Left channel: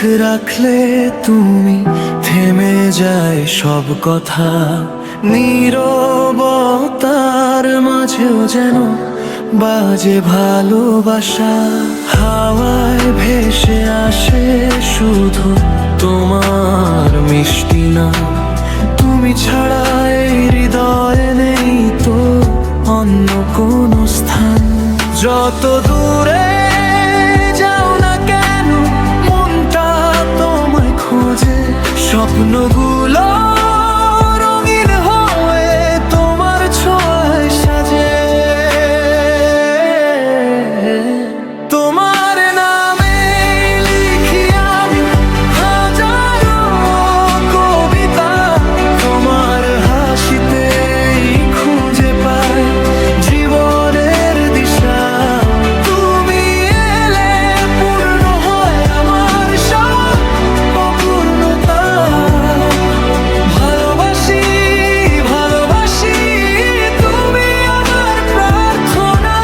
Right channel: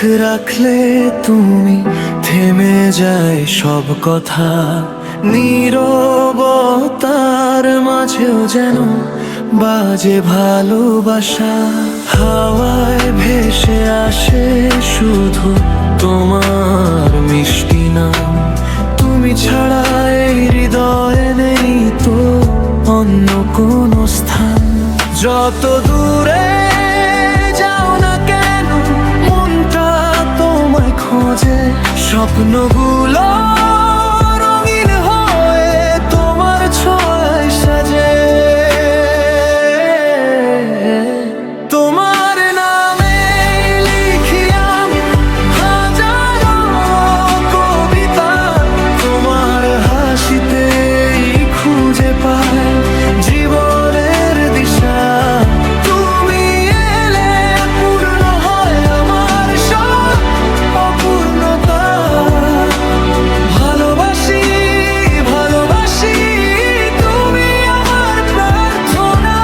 রাখলে তুমি থেমে যায় সব কথা, নীরবতার মাঝেও যেন বাজে ভালোবাসা। হাওয়ায় ভেসে আসে শুধু তোমার মিষ্টি নাম, তুমি ছাড়া এই হৃদয়ে নেই তো অন্য কোনো স্থান। যত দূরে যাও না কেন মনটা তোমায় খোঁজে, স্বপ্নগুলো রঙিন হয়ে তোমার ছোঁয়ায় সাজে। তোমার নামে লিখি আমি হাজারো কবিতা, তোমার হাসিতেই খুঁজে পাই জীবনের দিশা। তুমি এলে পূর্ণ হয় আমার সব অপূর্ণতা। ভালোবাসি ভালোবাসি তুমি আমার প্রার্থনা।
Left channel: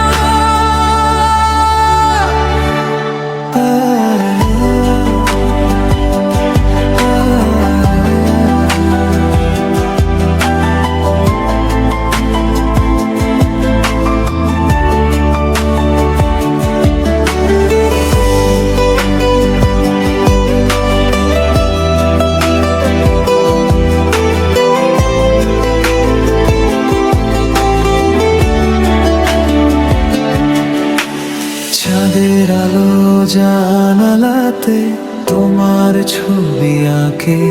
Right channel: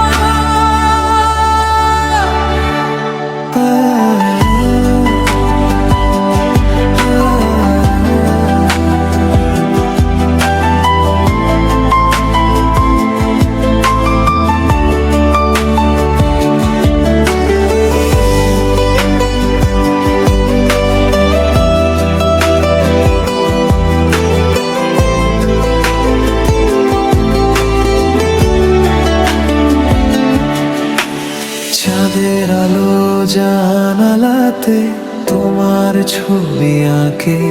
চাঁদের আলো জানালাতে তোমার ছবি আঁকে,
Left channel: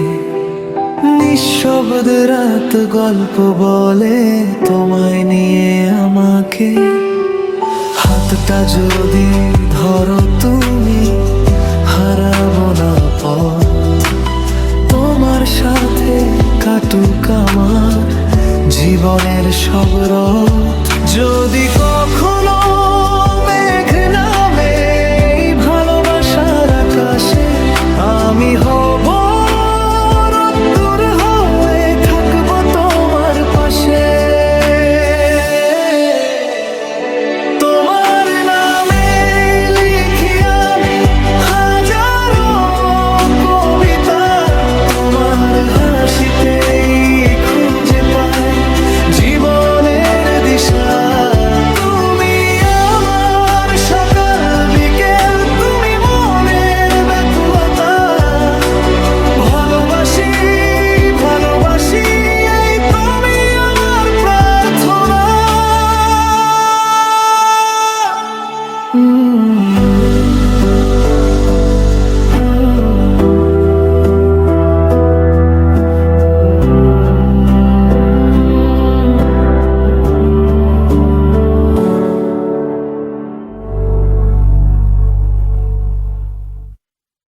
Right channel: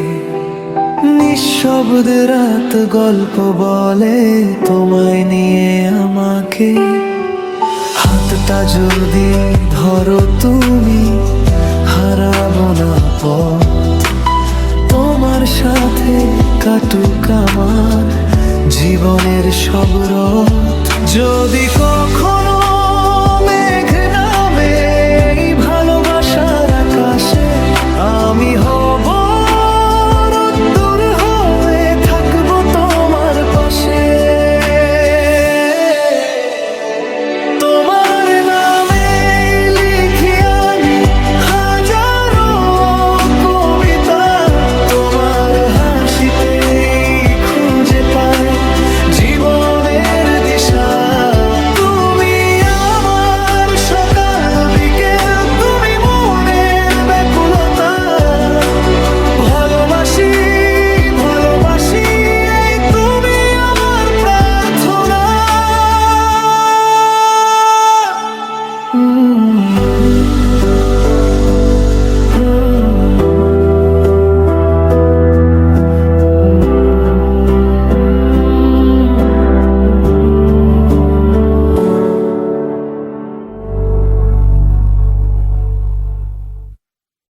নিঃশব্দে রাত গল্প বলে তোমায় নিয়ে আমাকে। হাতটা যদি ধরো তুমি হারাবো না পথ, তোমার সাথে কাটুক আমার জীবনের সব রথ। যদি কখনো মেঘ নামে এই ভালোবাসার আকাশে, আমি হব রোদ্দুর হয়ে থাকবো তোমার পাশে। তোমার নামে লিখি আমি হাজারো কবিতা, তোমার হাসিতেই খুঁজে পাই জীবনের দিশা।